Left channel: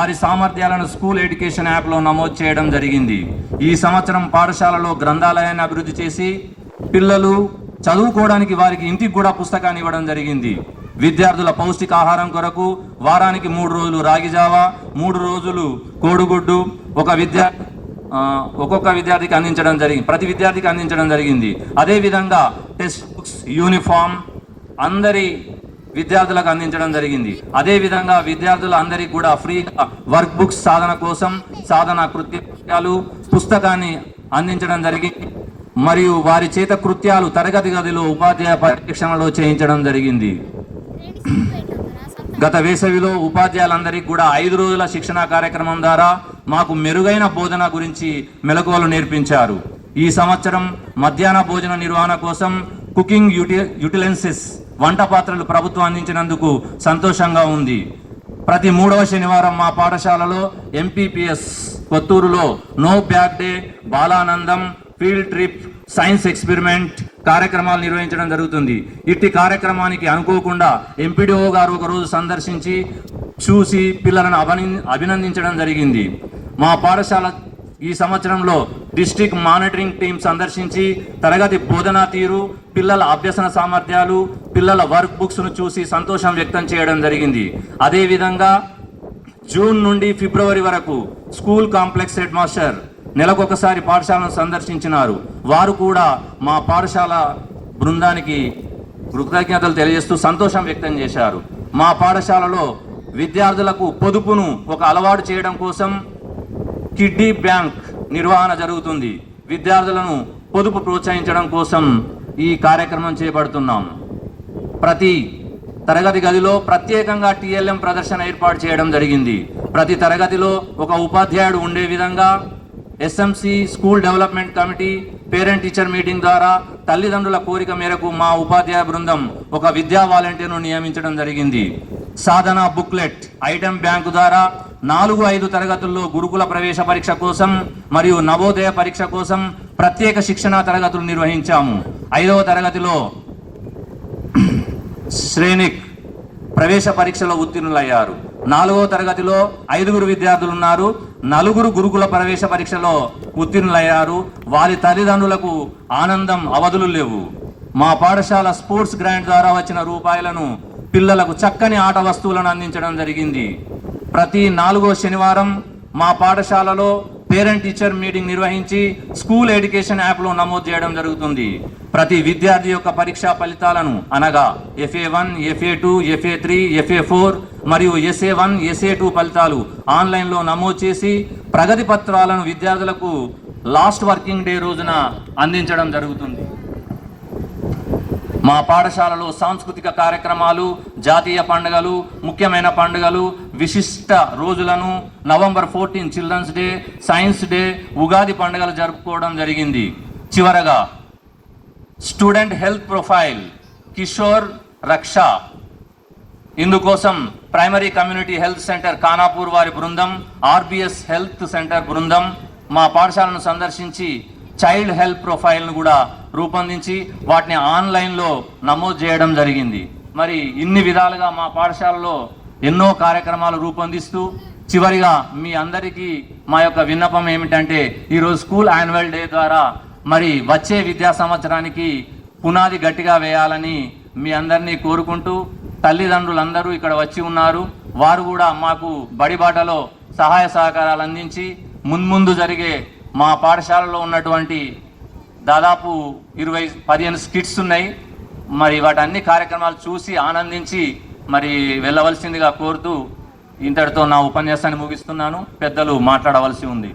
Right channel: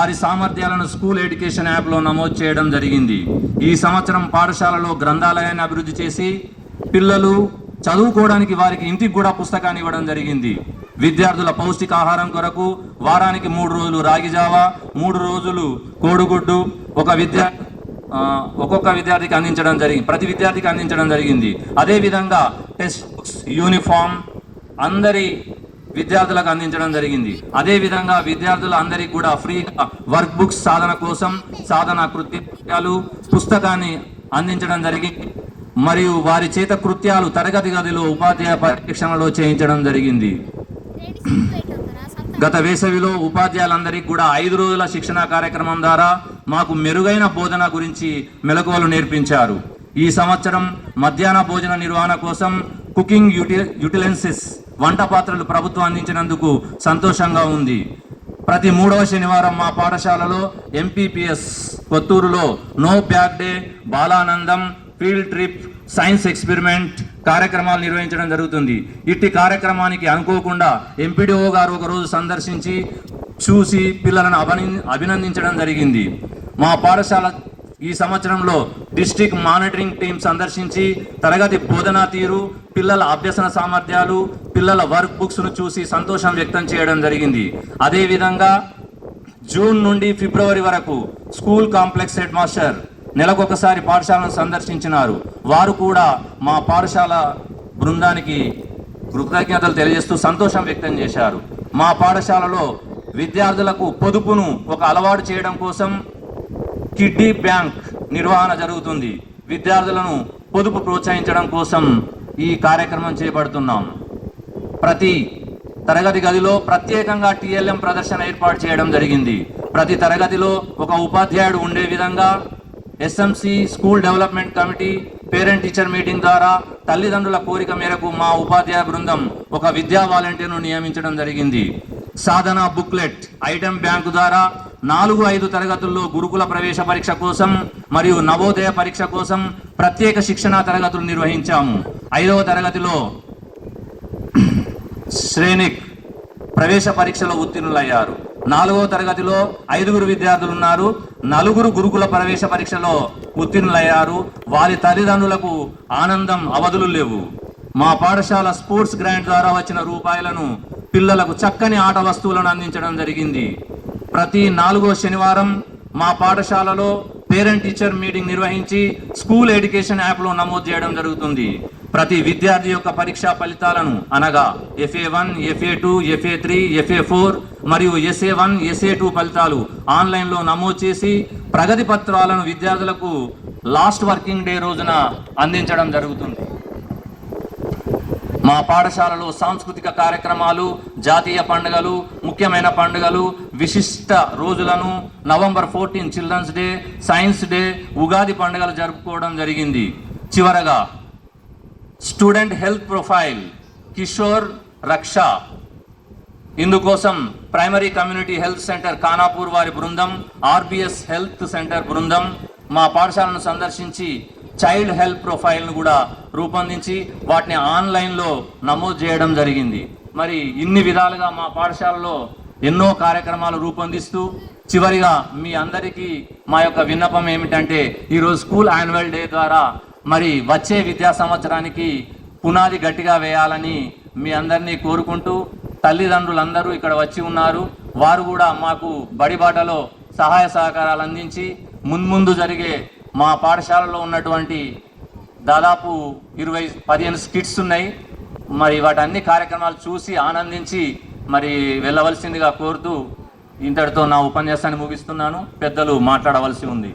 వారి సామర్థ్యాలను school education యాప్లో నమోదు చేయడం జరిగింది. ఈ సంవత్సరం పాఠశాలలో గ్రంథాలయాన్ని అభివృద్ధి చేసి పిల్లలు చదువుకోవడానికి వారికి ఇంటికి కూడా పుస్తకాన్ని ఇవ్వడం జరిగింది. విద్యార్థుల పౌష్టికాహారం కొరకు వారానికి 3 రోజులు రాగి జావా, 3 రోజులు కోడిగుడ్డు ఒక్కొక్క విద్యార్థికి అందించడం జరిగింది, ప్రతి విద్యార్థికి అందించడం జరిగింది. అదేవిధంగా టెక్స్ట్ బుక్స్, యూనిఫామ్ అందరి విద్యార్థులకు అందించడం జరిగింది. అదేవిధంగా విద్యార్థులందరికీ కూడా ఫ్రీగా వర్క్ బుక్స్ సాధన కోసం సాధన కృత్యాలు పుస్తకాన్ని అందించడం జరిగింది. మరియు వారి చేత కృత్యాలు తరగతి గదిలో ఉపాధ్యాయ పరీక్షణలో చేయించడం జరిగింది. గత వేసవిలో ఉపాధ్యాయులందరికీ కూడా 5 రోజుల శిక్షణా కార్యక్రమం ద్వారా మాకు మెరుగైన బోధన గురించి మెలకువలు నేర్పించారు. ఈ సంవత్సరం మధ్యాహ్న భోజన నిర్వహణ కోసం కుకింగ్ యుటిలెన్సెస్ వంట పాత్రలు ప్రభుత్వం అందించినందుకు సంతోషంగా ఉంది. ప్రతి 3వ శనివారం మా పాఠశాలలో ఎంపీపీఎస్ కొత్తూరులో no bag day, Balanandam, field trip, science experiment కార్యక్రమాలు నిర్వహించడం జరుగుతుంది. ఇట్టి కార్యక్రమానికి అనుకోకుండా ఎంపీడీఓ గారు ఒకరోజు సందర్శించి చూసి పిల్లలను అభినందించడం జరిగింది. మా పాఠశాల ఈ సంవత్సరంలో డిస్ట్రిక్ట్ మానిటరింగ్ టీం సందర్శించి తరగతి బోధనా తీరు, పిల్లల అభ్యసన సామర్థ్యాలు, పిల్లల వర్క్ బుక్స్ను చూసి సంతోషం వ్యక్తం చేయడం జరిగింది. అదేవిధంగా జూన్ నుండి ఫిబ్రవరి వరకు స్కూల్ కాంప్లెక్స్ హెడ్ మాస్టర్ నెలకొకసారి పాఠశాలను సందర్శించినారు. వారు కూడా మా పాఠశాల బృందానికి కృతజ్ఞతలు తెలియజేస్తూ సంతోషం వ్యక్తం చేశారు. మా పాఠశాలలో విద్యార్థులకు పొదుపును ఒక అలవాటు చేయడం కోసం కిడ్డీ బ్యాంక్ నిర్వహణ జరుగుతుంది. విద్యార్థులను పొదుపు ప్రోత్సహించడం కోసం ఈ కార్యక్రమం చేపడుతున్నాం. ప్రతి తరగతి గదిలో ప్రత్యేకంగా టీఎల్ఎం ప్రదర్శన ఏర్పాటు చేయడం జరిగింది. ప్రతి తరగతిలో ఒక ఉపాధ్యాయుడు ఉండే విధంగా SMC school development committee parent teacher meeting ద్వారా తల్లిదండ్రుల కోరిక మేరకు మా ఉపాధ్యాయ బృందం ఒక విద్యా వాలంటీర్ను నియమించడం జరిగింది. సాధన బుక్లెట్ ఐటెం బ్యాంకు ద్వారా 4-5 తరగతుల్లో గురుకుల ప్రవేశ పరీక్ష కోసం మరియు నవోదయ పరీక్ష కోసం ప్రత్యేక శిక్షణా తరగతులు నిర్వహించాము. 5వ తరగతిలో శ్రేణిక్ ప్రవేశ పరీక్షలో ఉత్తీర్ణులయ్యారు. 4వ తరగతిలో 5 విద్యార్థులు ఉన్నారు. 4 గురుకుల ప్రవేశ పరీక్షలో ఉత్తీర్ణులయ్యారు. వారి తల్లిదండ్రులకు ఆనందం అవధులు లేవు. మా పాఠశాల స్పోర్ట్స్ గ్రాంట్ ద్వారా వచ్చిన రూపాయలను పిల్లలకు చక్కని ఆట వస్తువులను అందించడం జరిగింది. ప్రతి 4వ శనివారం మా పాఠశాలలో పేరెంట్ టీచర్ మీటింగ్ నిర్వహించి స్కూల్ ఎడ్యుకేషన్ యాప్లో నమోదు చేయడం జరుగుతుంది. ప్రతి విద్యార్థి యొక్క పరీక్షా ఫలితాలను అనగా FA1, FA2, FA3, FA4 మరియు SA1, SA2 ఫలితాలు ఆన్లైన్లో నమోదు చేసి ప్రగతి పత్రాలను విద్యార్థులకు లాస్ట్ వర్కింగ్ డే రోజున అందించడం జరుగుతుంది. మా పాఠశాలలో సాంస్కృతిక కార్యక్రమాలు, జాతీయ పండుగలు, ముఖ్యమైన పండుగలు, విశిష్ట రోజులను November 14 children's day, science day, Ugadi పండుగలు జరుపుకోవడం జరిగింది. చివరగా స్టూడెంట్ హెల్త్ ప్రొఫైల్ కిషోర్ రక్ష ఇందుకోసం primary community health centre Khanapur వారి బృందం, RBS హెల్త్ సెంటర్ బృందం మా పాఠశాలను సందర్శించి చైల్డ్ హెల్త్ ప్రొఫైల్ను కూడా రూపొందించి వాటిని ఆన్లైన్లో నమోదు చేయడం జరిగింది. మరి ఇన్ని విధాలుగా మా పాఠశాలలో ఎన్నో కార్యక్రమాలు రూపొందిస్తూ చివరిగా మీ అందరికీ మా యొక్క విన్నపం ఏమిటంటే ఈరోజు స్కూల్ యాన్యువల్ డే ద్వారా మరి వచ్చే విద్యా సంవత్సరానికి పునాది గట్టిగా వేయాలని మీ అందరినీ కోరుకుంటూ తల్లిదండ్రులందరూ ఇక్కడ వచ్చి ఉన్నారు. వారు కూడా మాకు బడిబాటలో సహాయ సహకారాలు అందించి ముందు జరిగే మా పాఠశాలలో ఉన్నటువంటి దాదాపు 15 స్కిట్స్ ఉన్నాయి. మరి వాటి అన్ని కార్యక్రమాలు చూసి ఆనందించి మరి వెళ్ళవలసిందిగా కోరుతూ ఇంతటితో నా ఉపన్యాసాన్ని ముగిస్తున్నాను. పెద్దలు మాట్లాడవలసి ఉంది.